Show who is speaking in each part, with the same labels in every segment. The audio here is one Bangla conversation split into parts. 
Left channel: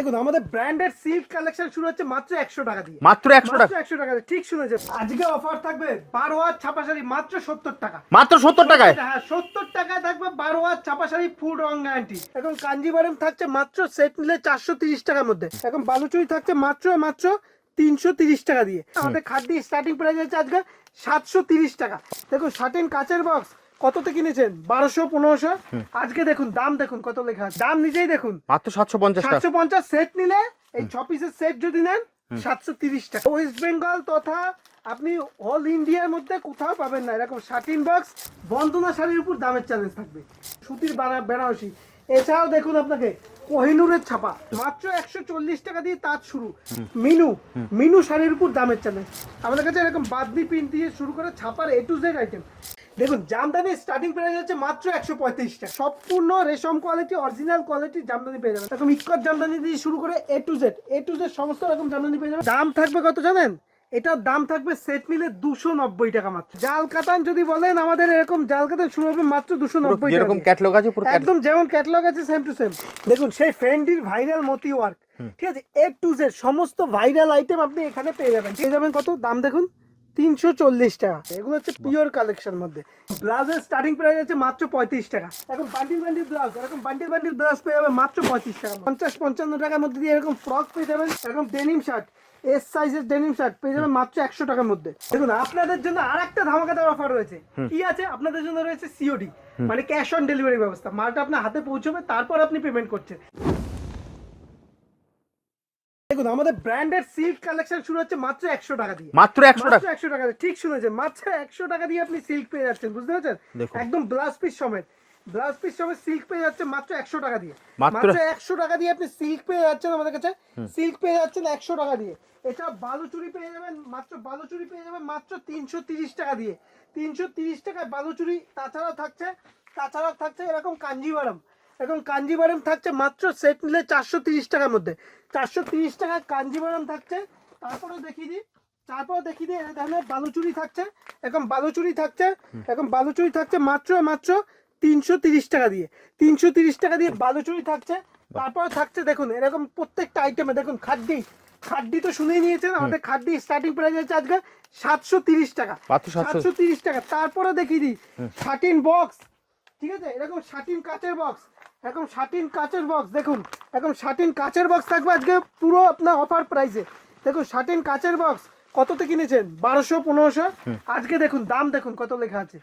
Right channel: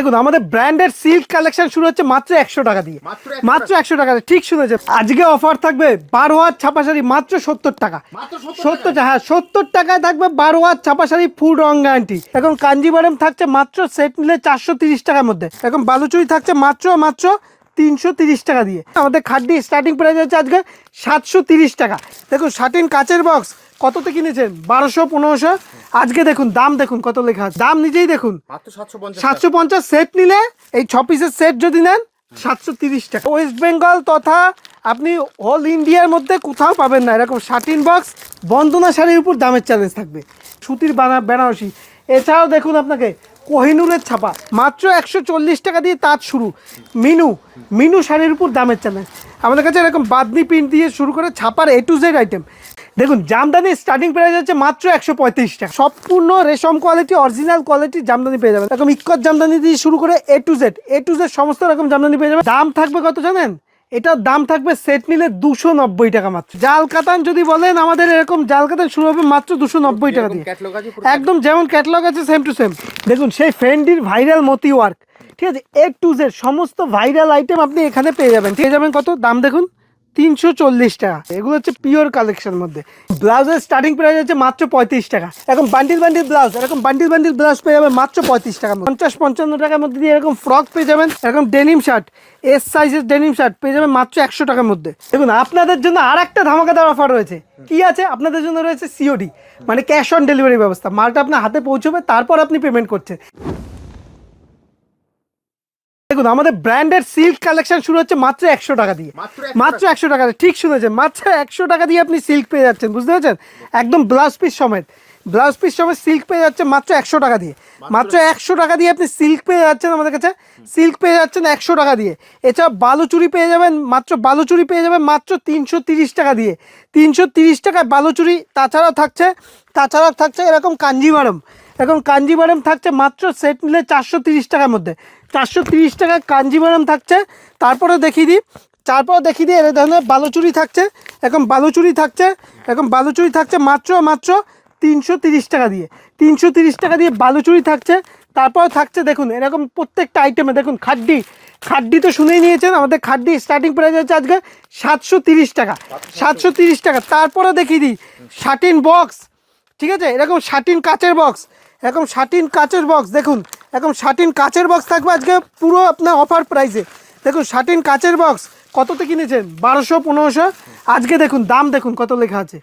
Speaker 1: দেখুন আমাদের ব্র্যান্ডেড সিল্ক কালেকশন শুরু হচ্ছে মাত্র একশো টাকা দিয়ে।
Speaker 2: মাত্র
Speaker 1: মাত্র একশো টাকা ঠিক শুনেছেন। আজকে অফার থাকবে বারো হাত ছাপা শাড়ি মাত্র সত্তর টাকা।
Speaker 2: মাত্র সত্তর
Speaker 1: টাকা, হ্যাঁ সত্তর টাকায় থাকবে বারো হাত ছাপা শাড়ি ফুল রং গ্যারান্টি এখন কাঞ্জিবারম থাকছে মাত্র সেট নিলে চারশো তিরিশ টাকার মধ্যে। এখন বালুচুরি থাকছে মাত্র মাত্র তিনশো তিরিশ টাকা দিয়ে। আমাদের খাদ্যি স্টার্টিং প্রাইস হচ্ছে আজকে সাতশো তিরিশ টাকা। দেখুন শার্টিন কাচের বক্স কততে কিনেছেন? বারোশো পনেরোশো? আজকে দেখুন দাম দেখুন কত লেখা আছে। দাম নিজেই দেখুন।
Speaker 2: মাত্র সাতশো পঞ্চাশ
Speaker 1: সাতশো পঞ্চাশ সেট নিলে এই ছ পিসের সেট যদি নেন সাতশো তিরিশ টাকা। ওয়েস্ট বেঙ্গল তথা আপনি অল ইন্ডিয়ার মধ্যে কোথাও পাবেন না। এরকম শার্টিন বক্স বন্দনা শাড়ির উপর দামের চ্যালেঞ্জ থাকবে। সুতির বানা বেনারসি। এছাড়াও দেখুন আপনাকে কোহিনুরের ছাপা। মাত্র একশো চল্লিশ টাকা দিয়ে তাঁত শুরু। মিনু মিনু শাড়ির উপর দামের চ্যালেঞ্জ আমাদের কাছে এরকম বাদনি প্রিন্ট দিয়ে শুরু করে ছাপার এ টু জেড আইটেম দেখুন জামদানি স্টার্টিং প্রাইস হচ্ছে মাত্র একশো পঁয়ত্রিশ টাকা। সম্পূর্ণ রেশম কোয়ালিটি অরিজিনাল কোয়ালিটি জামদানি পেয়ে যাবেন। এরকম ইক্কত জামদানি দিয়ে শুরু করে A to Z A to Z সমস্ত রকম জামদানি পেয়ে যাবেন। দাম থাকবে কত জানেন? এটার দাম থাকবে সেট নিলে দুশো নব্বই টাকা মাত্র। জাল কাতান যদি বলেন আমাদের এরকম জাল কাতান শুরু হবে মাত্র দুশো নব্বই টাকা একদম যেমন ক্যাটলগ আছে সেম টু সেম দেখুন সেই ফেন্ডির ভাইরাল মতি ওয়ার্ক ঠিক আছে এ টু জেড সমস্ত ভাইরাল আইটেম আপনি এখানে পেয়ে যাবেন। পেয়ে যাবেন কত? দাম দেখুন। তিনশো চল্লিশ টাকা এগুলো হচ্ছে পিওর কালেকশন মধ্যে। ব্লাউজের স্টার্টিং প্রাইস হচ্ছে মাত্র পঁয়ত্রিশ টাকা এখন বান্ডিল বান্ডিল ব্লাউজ এরকম বান্ডিল বান্ডিল ব্লাউজ পেয়ে যাবেন মাত্র পঁয়ত্রিশ টাকা পঞ্চাশ পঞ্চান্ন টাকার মধ্যে দিয়ে এরকম ফ্রক পেয়ে যাবেন এরকম ডেনিম শার্ট এস সাইজের ডেনিম শার্ট পেয়ে যাবেন মাত্র একশো টাকার মধ্যে। দেখুন আপনাদের জন্য আর একটা ধামাকাদার অফার রয়েছে। কি আছে? আপনাদের জন্য রয়েছে সিওডি মানে ক্যাশ অন ডেলিভারি ব্যবস্থা। মালটা আপনার হাতে পৌঁছবে তারপর আপনি পেমেন্ট করছেন। দেখুন আমাদের ব্র্যান্ডেড সিল্ক কালেকশন শুরু হচ্ছে মাত্র একশো টাকা দিয়ে।
Speaker 2: মাত্র
Speaker 1: মাত্র একশো টাকা। ঠিক শুনেছেন মাত্র একশো টাকা দিয়ে আপনি সিল্ক পেয়ে যাচ্ছেন বুঝতে পারছেন? একদম ব্লাউজ পিস সমেত। ব্লাউজ পিস সমেত সিল্ক পেয়ে যাচ্ছেন মাত্র একশো টাকা দিয়ে।
Speaker 2: মাত্র-
Speaker 1: মাত্র একশো টাকা দিয়ে আপনি সিল্ক পেয়ে যাচ্ছেন আমাদের কাছে। সিল্ক পেয়ে যাচ্ছেন একশো টাকা দিয়ে। এছাড়া বালুচুরি পেয়ে যাবেন মাত্র বালুচুরি পেয়ে যাবেন মাত্র তিনশো তিরিশ টাকা দিয়ে। তিনশো তিরিশ টাকায় বালুচুরি তাছাড়াও থাকছে তাছাড়াও থাকছে এরকম কাঞ্জিভারম এরকম কাঞ্জিভারম থাকছে মাত্র সেট নিলে চারশো তিরিশ টাকার মধ্যে। চারশো তিরিশ টাকা কাঞ্জিভারম থাকছে তারপরে দেখিয়ে দিই। তারপর দেখিয়ে দিই এর ধরনের বালুচুরি থাকছে এখন বালুচুরি থাকছে এখন বালুচুরি থাকছে মাত্র মাত্র তিনশো তিরিশ টাকা দিয়ে। তিনশো তিরিশ টাকা দিয়ে বালুচুরি থাকছে তারপর থাকছে দেখুন এরকম প্রত্যেকটা আইটেমে দেখুন খাড্ডি। খাড্ডি তো শুনেই নিয়েছেন আমাদের খাড্ডি স্টার্টিং প্রাইস হচ্ছে আজকে সাতশো তিরিশ টাকা। সাতশো। তিরিশ টাকা তারপরে দেখিয়ে দিই শার্টিন বক্স ঠিক আছে? এরকম শার্টিন কাচের বক্স এরকম শার্টিন কাচের বক্স দেখুন এরকম শার্টিন কাচের বক্স থাকবে আজকে পুরো আপনার অফার প্রাইসে দেখুন শার্টিন কাচের বক্স কততে কিনেছেন? বারোশো পনেরোশো? আজকে দেখুন দাম দেখুন কত লেখা আছে।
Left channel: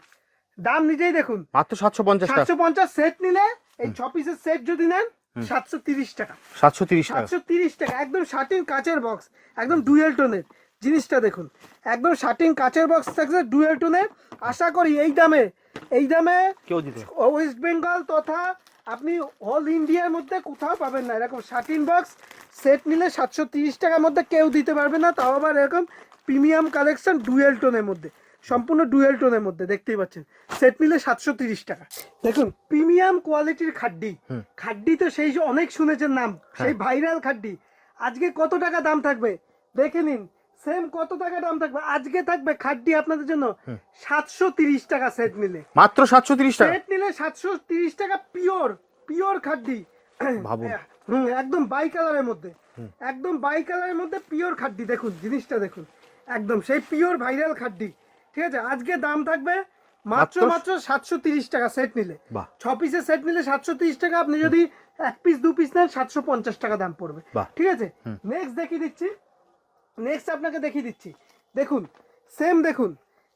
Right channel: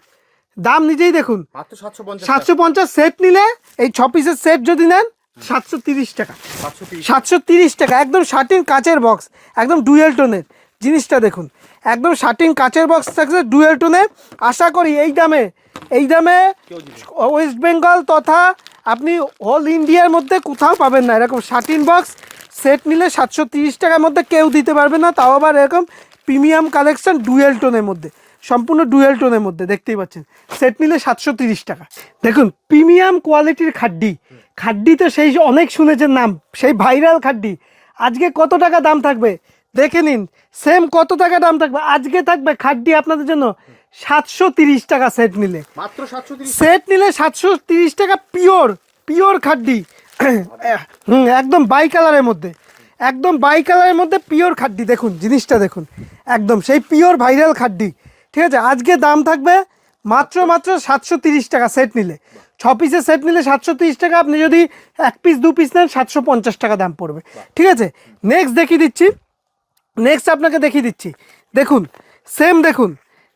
Speaker 1: দাম নিজেই দেখুন।
Speaker 2: মাত্র সাতশো পঞ্চাশ
Speaker 1: সাতশো পঞ্চাশ সেট নিলে এই ছ পিসের সেট যদি নেন সাতশো তিরিশ টাকা।
Speaker 2: সাতশো তিরিশ
Speaker 1: সাতশো তিরিশ টাকা একদম শার্টিন কাচের বক্স একদম ডুয়েল টোনের জিনিসটা দেখুন একদম শার্টিন কাচের বক্স থাকছে ডুয়েল টোনে আশা করি এই দামে এই দামে। ওয়েস্ট বেঙ্গল তথা আপনি অল ইন্ডিয়ার মধ্যে কোথাও পাবেন না। এরকম শার্টিন বক্স সেট নিলে সাতশো তিরিশ টাকার মধ্যে কেউ দিতে পারবে না। তাও আবার এরকম প্রিমিয়াম কালেকশন ডুয়েল টোনের মধ্যে সম্পূর্ণ ডুয়েল টোনের মধ্যে দেখতেই পাচ্ছেন। সেট নিলে সাতশো তিরিশ টাকা। দেখুন প্রিমিয়াম কোয়ালিটির খাড্ডি। খাড্ডি তো সেই অনেক শুনেছেন নাম সেই ভাইরাল খাড্ডি। আজকে কত টাকা দাম থাকবে? দেখে নিন সেম কত টাকা দাম থাকবে? আজকে থাকবে খাড্ডি আপনাদের জন্য সাতশো তিরিশ টাকা সেট নিলে।
Speaker 2: মাত্র সাতশো তিরিশ
Speaker 1: সেট নিলে সাতশো তিরিশ টাকা পিওর পিওর খাড্ডি হুম একদম বাই কালারের মধ্যে। একদম বাই কালারের মধ্যে পিওর খাড্ডি দেখুন জিনিসটা দেখুন। একদম সেই পিওর ভাইরাল খাড্ডি ঠিক আছে আজকে দাম থাকবে মাত্র মাত্র সাতশো তিরিশ টাকা সেট নিলে। ছ পিসের সেট নিলে সাতশো তিরিশ টাকা। আপনি যদি এক পিস দু পিস নেন সাতশো পঞ্চাশ টাকা দাম পড়বে। ঠিক আছে? নেক্সট দেখিয়ে দিচ্ছি। নেক্সট আপনাকে দেখিয়ে দিচ্ছি। দেখুন সেম দেখুন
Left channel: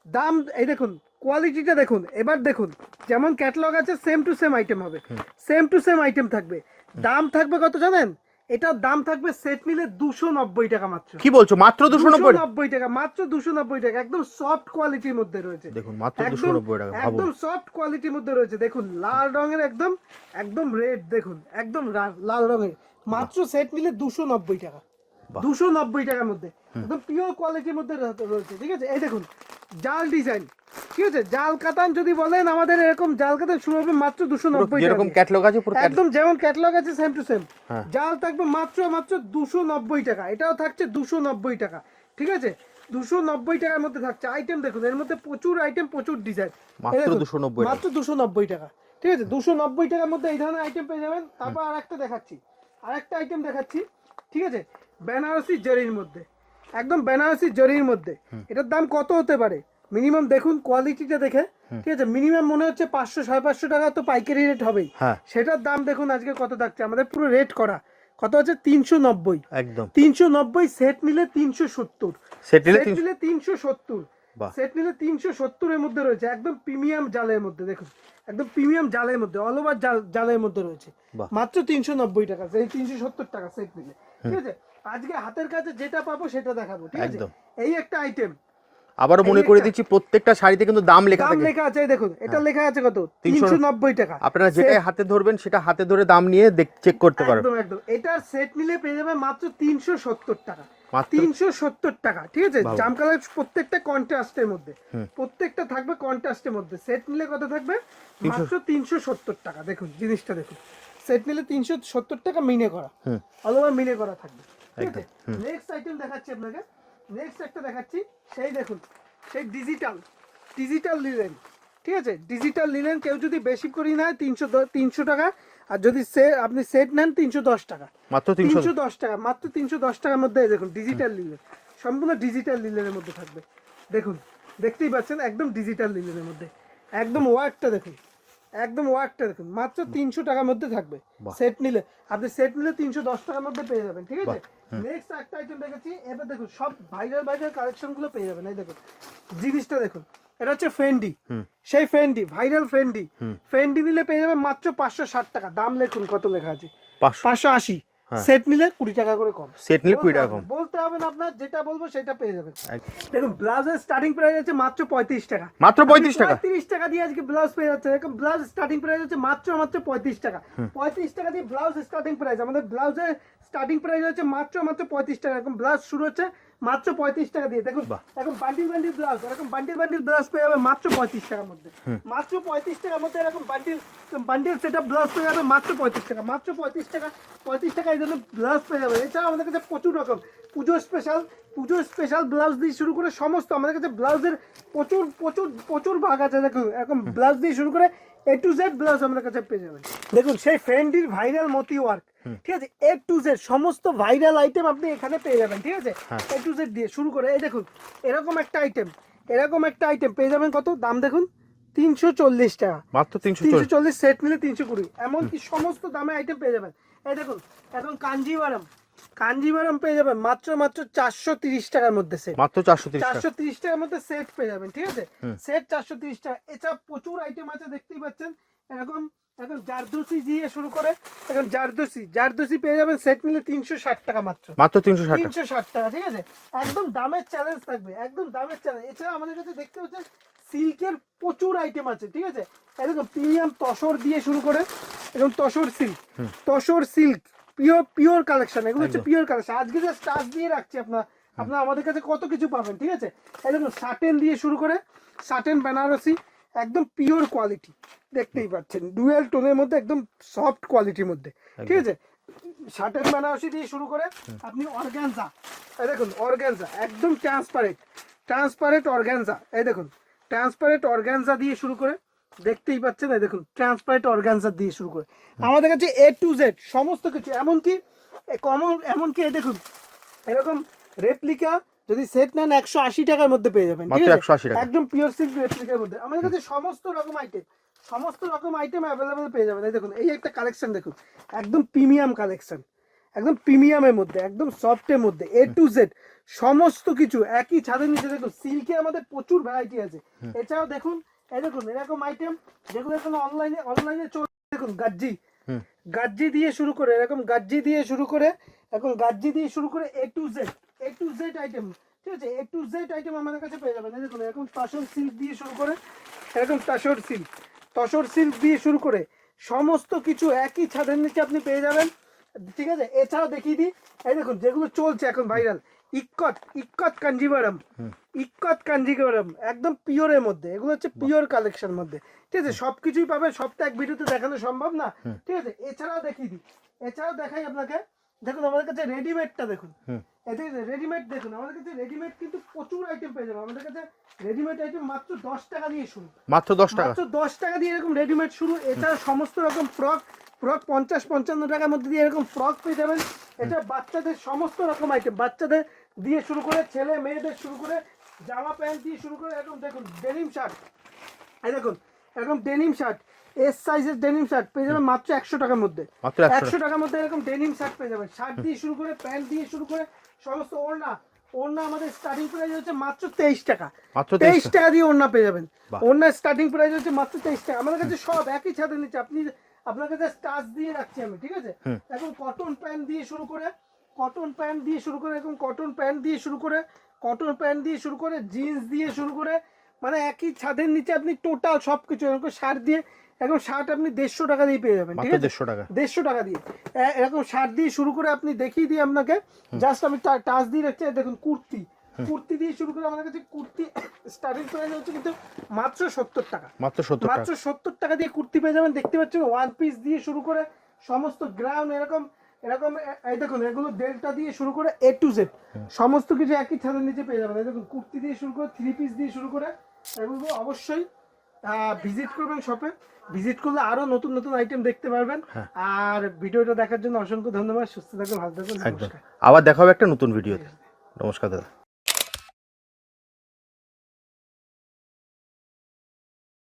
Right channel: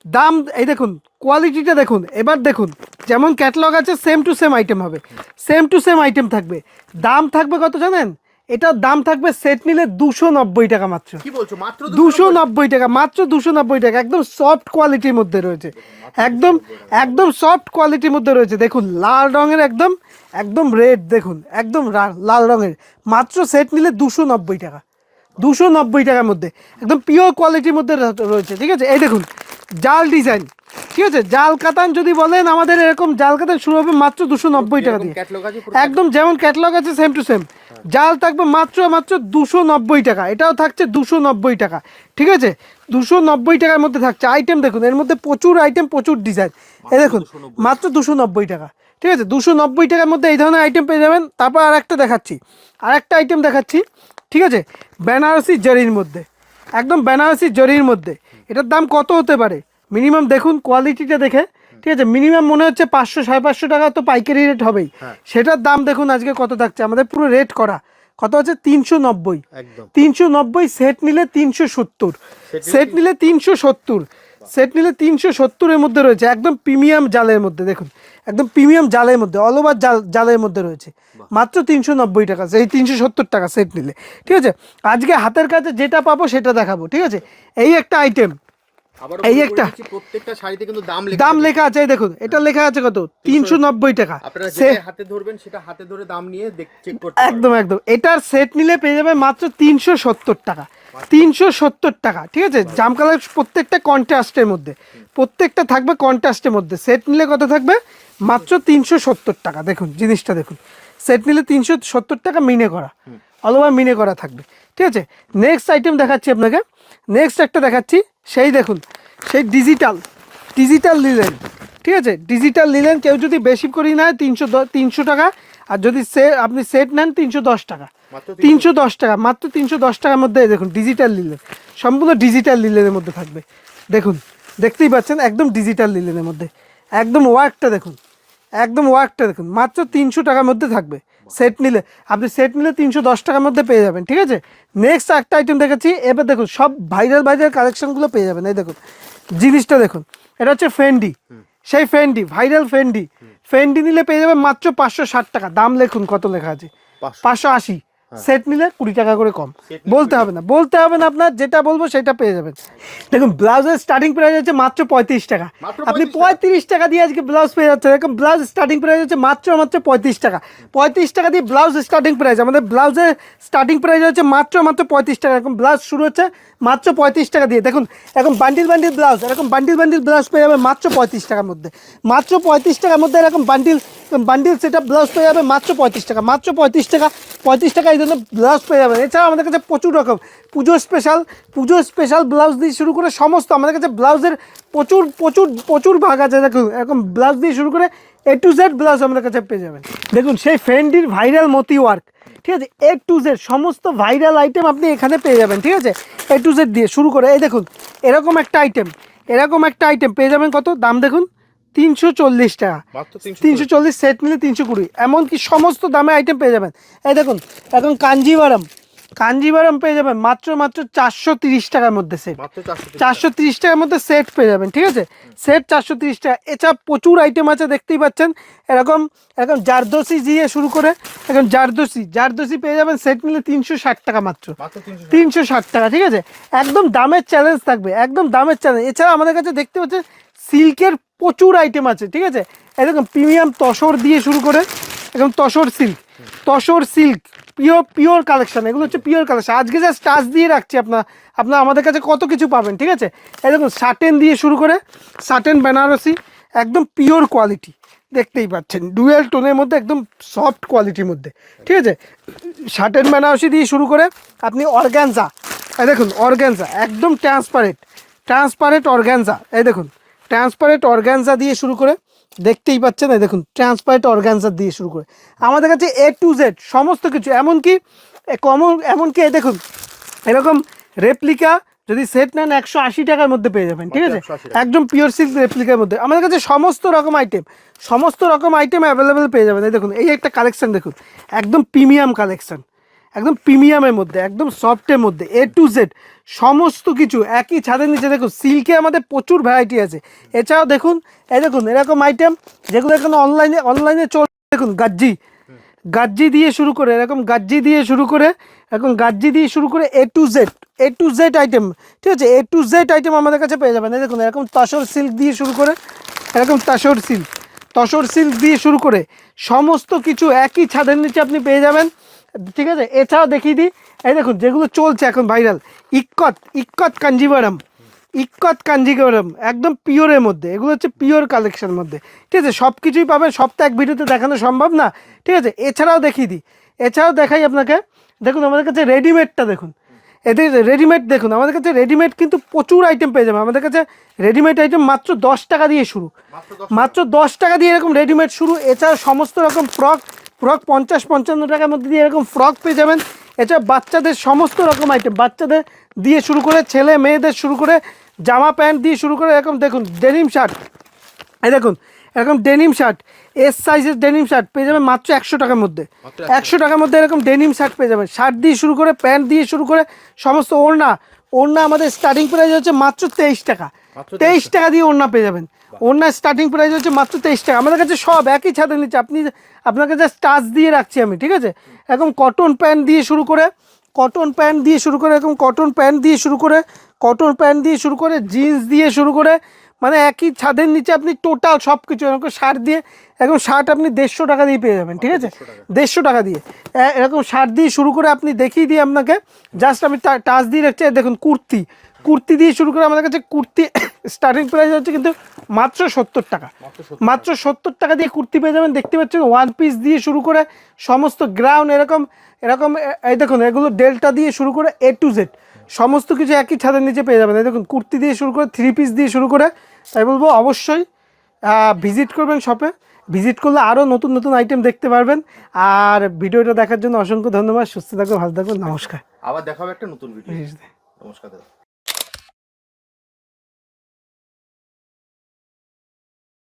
Speaker 1: দাম এই দেখুন কোয়ালিটিটা দেখুন এবার দেখুন যেমন ক্যাটালগ আছে সেম টু সেম আইটেম হবে। সেম টু সেম আইটেম থাকবে। দাম থাকবে কত জানেন? এটার দাম থাকবে সেট নিলে দুশো নব্বই টাকা মাত্র।
Speaker 2: কি বলছো? মাত্র
Speaker 1: দুশো নব্বই টাকা? মাত্র দুশো নব্বই টাকা একদম সফট কোয়ালিটির মধ্যে রয়েছে। একদম একদম সফট কোয়ালিটির মধ্যে রয়েছে। দেখুন লাল রঙের একদম একদম রেড দেখুন একদম লাল রঙের। মাত্র সেট নিলে দুশো নব্বই টাকা। দুশো নব্বই টাকার মধ্যে। একদম পিওর কোয়ালিটির মধ্যে রয়েছে ঠিক আছে? এই দেখুন জাল ডিজাইন ঠিক আছে? জাল কাতান যদি বলেন আমাদের এরকম জাল কাতান শুরু হবে মাত্র দুশো নব্বই টাকা একদম যেমন ক্যাটালগ আছে সেম টু সেম জাল থাকবে মাত্র মাত্র দুশো নব্বই টাকা। এটাও থাকছে দুশো নব্বই টাকা ঠিক আছে? দুশো নব্বই টাকার মধ্যে থাকছে। আইটেম দেখুন এর মধ্যে প্রচুর আইটেম প্রচুর ডিজাইন এ দেখুন মাত্র দুশো নব্বই টাকা ঠিক আছে? দুশো নব্বই টাকার মধ্যে এই ধরনের আইটেম পেয়ে যাবেন। তারপর আর একটা দেখাচ্ছি। আর একটা আইটেম দেখাচ্ছি। ঠিক আছে? বেনারসি জরির মধ্যে। একদম বেনারসি জরির মধ্যে। এটার দাম কত হতে পারে? মিনিমাম দেখুন কোয়ালিটিটা দেখে ঠিক আছে? মিনিমাম মনে হচ্ছে পাঁচশো সাড়ে পাঁচশো টাকা তো পাইকারি রেট হবেই।
Speaker 2: হ্যাঁ।
Speaker 1: সেটার দাম দেখুন আজকে কত থাকছে। আমাদের পুরো রেট করা। কত হচ্ছে তিনশো নব্বই।
Speaker 2: একদম।
Speaker 1: তিনশো নব্বই সেট নিলে তিনশো সত্তর। সেট নিলে তিনশো সত্তর। সেট নিলে তিনশো সত্তরের মধ্যে রয়েছে একদম প্রিমিয়াম জালের মধ্যে দেখুন। একদম প্রিমিয়াম জালের মধ্যে অল ওভার জাল জালের মধ্যে রয়েছে। মাত্র তিনশো নব্বই টাকা সেই তিনশো সত্তর টাকা সেট নিলে। ঠিক আছে? আজকে হাতের কাছে যেটা পাবো সেটা দেখাবো ঠিক আছে? এই একটা আইটেম
Speaker 2: আবারও মনে করে দিচ্ছি প্রত্যেকটা শাড়িতে কিন্তু দাম লেখা
Speaker 1: দাম লেখা আছে দেখুন এটা লেখা আছে কত? তিনশো নব্বই টাকা।
Speaker 2: আপনারা যেটা হাতে ধরবেন সেটা হাতে ধরে দাম নিয়ে চেক করতে পারবেন।
Speaker 1: একদম একদম। এটার সেট নিলে পেয়ে যাবে মাত্র তিনশো সত্তর টাকা।
Speaker 2: মাত্র-
Speaker 1: তিনশো সত্তর টাকা ঠিক আছে? জাম কালার প্রত্যেকটা কন্ট্রাস্টের মধ্যে। প্রত্যেকটা থাকবে কন্ট্রাস্টের মধ্যে। সেট নিলে কত থাকবে? মাত্র তিনশো। সত্তর টাকা। দেখুন জিনিসটা দেখুন। সেট নিলে তিনশো সত্তর টাকা মিনে করা। অলওভার মিনে করা থাকবে। ঠিক আছে? নেক্সট আইটেম দেখাচ্ছি আপনাকে। নেক্সট একটা দেখাচ্ছি সেই দেখুন সেই ডিজিটাল ডিজিটাল নিলেন ঠিক আছে? ডিজিটাল নিলেন কেউ যদি বেশি করি নেয় তিনশো তিনশো টাকা আর যদি সে আপনি সেট নেন তিনশো দশ টাকা।
Speaker 2: মাত্র
Speaker 1: তিনশো। দশ টাকা মাত্র তিনশো দশ টাকার মধ্যে দেখুন ডিজিটাল লিলেন সম্পূর্ণ ডিজিটাল লিলেনের মধ্যে থাকবে। দেখুন দেখতেই পাচ্ছেন একদম ডিজিটাল লিলেনের মধ্যে। একদম ওয়ার্কটা দেখুন। একদম ওয়ার্কটা দেখুন মাত্র তিনশো টাকার মধ্যে থাকবে। সেট নিলে আপনি সেট নিলে তিনশো দশ টাকার মধ্যে পেয়ে যাবেন ঠিক আছে? নেক্সট একটা আইটেম দেখেছি এবার দেখুন সব ভাইরাল ভাইরাল কালেকশনগুলো পেয়ে যাবেন এই দেখুন। জিনিসটা দেখুন এটা হচ্ছে ফেন্ডি সেই ফেন্ডি ভাইরাল ফেন্ডি ফেন্ডি নিলে পেয়ে যাবে মাত্র পাঁচশো ষাট টাকা দাম লেখুন কত লেখা আছে?
Speaker 2: পাঁচশো।
Speaker 1: পাঁচশো আশি। সেট নিলে কুড়ি টাকা করে কম। বলতে হবে না। বলতে হবে না আপনার যেটা বলব সেটা পেয়ে যাবেন। দেখুন ব্লাউজের স্টার্টিং প্রাইস হচ্ছে মাত্র পঁয়ত্রিশ টাকা।
Speaker 2: মাত্র
Speaker 1: আপনি
Speaker 2: 35 টাকা?
Speaker 1: পঁয়ত্রিশ টাকা দিয়ে আজকে ব্লাউজ পেয়ে যাচ্ছে দেখুন ব্লাউজ স্টার্টিং প্রাইস হচ্ছে মাত্র মাত্র পঁয়ত্রিশ টাকা। পঁয়ত্রিশ টাকা দিয়ে ব্লাউজ স্টার্টিং প্রাইস আমাদের ব্লাউজের স্টার্টিং প্রাইস হচ্ছে মাত্র মাত্র পঁয়ত্রিশ টাকা। এরকম ব্লাউজ শুরু হচ্ছে মাত্র পঁয়ত্রিশ টাকা দিয়ে। দেখুন এখন বান্ডিল বান্ডিল ব্লাউজ এরকম বান্ডিল বান্ডিল ব্লাউজ পেয়ে যাবে মাত্র পঁয়ত্রিশ টাকার মধ্যে। মাত্র পঁয়ত্রিশ টাকার মধ্যে এরকম বান্ডিল বান্ডিল সেটা ব্লাউজ পেয়ে যাবে মাত্র পঁয়ত্রিশ টাকা। মাত্র পঁয়ত্রিশ টাকা পঁয়ত্রিশ টাকা এই জন্য ব্লাউজ পেয়ে যাবেন এছাড়াও আমাদের কাছে প্রচুর রকম। পুজো স্পেশাল পুজো স্পেশাল ব্লাউজ দিয়ে শুরু করে সমস্ত আমাদের কাছে ব্লাউজের প্রচুর প্রচুর প্রচুর ভাগ আছে। দেখুন এরকম ব্লাউজ দিয়ে শুরু করে এ টু জেড ব্লাউজ আমাদের কাছে পেয়ে যাবেন। দেখুন সেই ফেন্ডির ভাইরাল মতি ওয়ার্ক ঠিক আছে? এ টু জেড সমস্ত ভাইরাল আইটেম আপনি এখানে পেয়ে যাবেন ঠিক আছে? এ টু জেড দিয়ে শুরু করে এই দেখুন এরকম একটা আইটেম এরকম একটা আইটেম পেয়ে যাবেন কত? দাম দেখুন তিনশো চল্লিশ টাকা।
Speaker 2: মাত্র তিনশো
Speaker 1: চল্লিশ। সেট নিলে তিনশো কুড়ি এমনকি সমস্ত দামে আইটেম পেয়ে যাবেন। এই দেখুন এখন কাঞ্জিভারাম কাঞ্জিভারাম পেয়ে যাবেন মাত্র মাত্র চারশো তিরিশ টাকার মধ্যে সেট
Speaker 2: মাত্র চারশো তিরিশ
Speaker 1: টাকার মধ্যে সেট পেয়ে যাবেন ঠিক আছে? সেট চারশো তিরিশ টাকা। এছাড়া প্রচুর আইটেম আছে দেখতেই পাচ্ছেন। এরকম এরকম জারদোসি দিয়ে শুরু করে এখন জারদোসি জারদোসি পেয়ে যাবেন সেট নিলে তিনশো ষাট টাকা মাত্র।
Speaker 2: মাত্র। তিনশো ষাট
Speaker 1: টাকা। ঠিক আছে? একদম দামের চ্যালেঞ্জ থাকবে একদম দামের চ্যালেঞ্জ এছাড়া আমাদের কাছে দেখতে পাচ্ছেন সিল্কের প্রচুর আইটেম আছে ঠিক আছে? এরকম প্রিমিয়াম তসর দিয়ে শুরু করে এরকম tussar silk. Tussar silk pure pure collection এগুলো হচ্ছে পিওর কালেকশন আজকে যা স্টাচ দিয়ে রাখছি আপনার আপনার আমাদের কাছে কত কিছু পাবেন ঠিক আছে? এরকম শার্টেন দিয়ে শুরু করে শার্টেন বেনারসি একদম পিওর কোয়ালিটি দেখতেই পাচ্ছেন। ডুয়েল টোনের মধ্যে একদম সফট কোয়ালিটির মধ্যে ঠিক আছে? শার্টেন বেনারসি দিয়ে শুরু করে আপনি অর্গ্যানজা এই দেখুন অর্গ্যানজা একদম ট্রান্সপারেন্ট ট্রান্সপারেন্ট অর্গ্যানজা এই দেখুন ট্রান্সপারেন্ট অর্গ্যানজা দিয়ে শুরু করে দেখতেই পাচ্ছেন এই দেখুন ট্রান্সপারেন্ট অর্গ্যানজা দিয়ে শুরু করে। আমাদের কাছে এ টু জেড সমস্ত কিছু এমনকি কমন এমনকি এই দেখুন এরকম রেপ্লিকা যদি সেট নেন একশো আশি টাকার মধ্যে পেয়ে যাবেন ঠিক আছে? একদম পিওর সিল্ক রেপ্লিকার মধ্যে। আমাদের কাছে সমস্ত রকম আইটেম সমস্ত রকম আইটেম অ্যাভেলেবেল পেয়ে যাবেন এই দেখুন এই একটা কালেকশন দেখুন একদম প্রিমিয়াম কালেকশন একদম প্রিমিয়ামের মধ্যে একদম সফটের মধ্যে এ টু জেড সমস্ত কিছু একই ছাদের নিচে। দেখুন সিল্কে আমাদের প্রচুর ভ্যারাইটি আছে। এছাড়াও দেখুন এই দেখুন এরকম আইটেম যেগুলো এখন অনলাইনে অনলাইনে চল দেখুন গাজ্জি। গাজ্জি দিয়ে শুরু করে এরকম গাজ্জি দিয়ে শুরু করে এখন গাজ্জি দিয়ে শুরু করে A to Z A to Z item ঠিক আছে? এ টু জেড আইটেম আমাদের কাছে পেয়ে যাবেন। এই দেখুন এরকম তসর সিল্ক দিয়ে শুরু করে এরকম তসর সিল্ক তসর সিল্ক দিয়ে শুরু করে সমস্ত কিছু একই ছাদের নিচে আপনি পেয়ে যাবেন। ঠিক আছে এছাড়াও দেখিয়ে দিই। এই দেখুন যেগুলো চলছে এখন ভাইরাল ইক্কত ইক্কত কাঞ্জিভারাম ইক্কত কাঞ্জিভারাম একদম পিওরের মধ্যে। এগুলো হচ্ছে পিওর কালেকশন মধ্যে। ঠিক আছে সব কিছুই পাবেন সব তো এক ভিডিওতে দেখানো সম্ভব না। ঠিক আছে এছাড়াও দেখিয়ে দিই। এছাড়াও দেখাই আপনাকে দেখুন আমাদের কাছে রেডিমেডটা দেখুন। এদের রেডিমেড দেখুন আমাদের কাছে রেডিমেড কিন্তু প্রচুর আইটেম পেয়ে যাবে আমাদের কাছে রেডিমেড আইটেম মাত্র দশ টাকা দিয়ে শুরু।
Speaker 2: মাত্র দশ
Speaker 1: মাত্র দশ টাকা দিয়ে এরকম রেডিমেড শুরু। এছাড়া সমস্ত রকম ফ্রক ফ্রক পঞ্চাশ পঞ্চান্ন টাকার মধ্যে দিয়ে এরকম ফ্রক পেয়ে যাবেন। এছাড়া বাচ্চাদের সমস্ত রকম আইটেম বাচ্চাদের দিয়ে শুরু করে ছেলে মেয়েদের শুরু করে জামা প্যান্ট দিয়ে শুরু করে এরকম দেখুন ডেনিম শার্ট এই দেখুন এরকম ডেনিম শার্ট এস সাইজের ডেনিম শার্ট পেয়ে যাবেন মাত্র একশো টাকার মধ্যে। একশো। টাকার মধ্যে এরকম ডেনিম শার্ট পেয়ে যাবেন। শার্ট দিয়ে শুরু করে প্যান্ট দিয়ে শুরু করে সমস্ত ওড়না। ওড়না আমাদের স্টার্টিং প্রাইস হচ্ছে মাত্র তেইশ টাকা।
Speaker 2: মাত্র 23
Speaker 1: তেইশ টাকা দিয়ে ওড়না পেয়ে যাবেন। ওড়নার স্টার্টিং প্রাইস হচ্ছে মাত্র তেইশ টাকা। আমাদের কাছে সব একই ছাদের নিচে। আপনি আপনাকে জাস্ট টাচ দিয়ে রাখছি আমি ঠিক আছে? এরকম কটন প্যান্ট দিয়ে শুরু করে কটন প্যান্ট দিয়ে শুরু করে এরকম কটন প্যান্ট দিয়ে শুরু করে কটন প্যান্ট দিয়ে শুরু করে জিন্স দিয়ে শুরু করে মানে একই ছাদের নিচে আপনি টোটাল সব কিছু এরকম শার্ট দিয়ে এরকম শার্ট আপনি দেড়শো টাকা দিয়ে পেয়ে যাবেন ঠিক আছে? দেড়শো টাকা। দিয়ে। এরকম শার্ট দিয়ে শুরু করে আপনি দেখিয়ে দিই আপনাকে। জাস্ট আমি টাচ দিয়ে রাখছি দেখুন কুর্তি। কুর্তি দিয়ে শুরু করে আমাদের কাছে কুর্তি স্টার্টিং প্রাইস হচ্ছে কিন্তু মাত্র সত্তর টাকা।
Speaker 2: মাত্র সত্তর
Speaker 1: টাকা। দিয়ে কুর্তি পেয়ে যাবেন দেখতে পাচ্ছেন ওয়ান পিস দিয়ে শুরু করে সমস্ত গ্রাউন্ড এরকম এরকম এই দেখুন এগুলো ডেল্টা দিয়ে শুরু করে এ টু জেড সমস্ত কিছু একই ছাদের নিচে পেয়ে যাবেন। এই দেখুন কুর্তি দিয়ে শুরু করে থ্রি পিস দিয়ে শুরু করে তাই বলব অবশ্যই ভিজিট করবেন শপে ভিজিট করলে আরও নতুন নতুন আইটেম দেখতে পারবেন। আর ভিডিওটা দেখার জন্য অসংখ্য ধন্যবাদ। সুস্থ থাকবেন ভালো থাকবেন নমস্কার।
Speaker 2: আবার দেখা হবে একটা নতুন ভিডিও নমস্কার দাদা।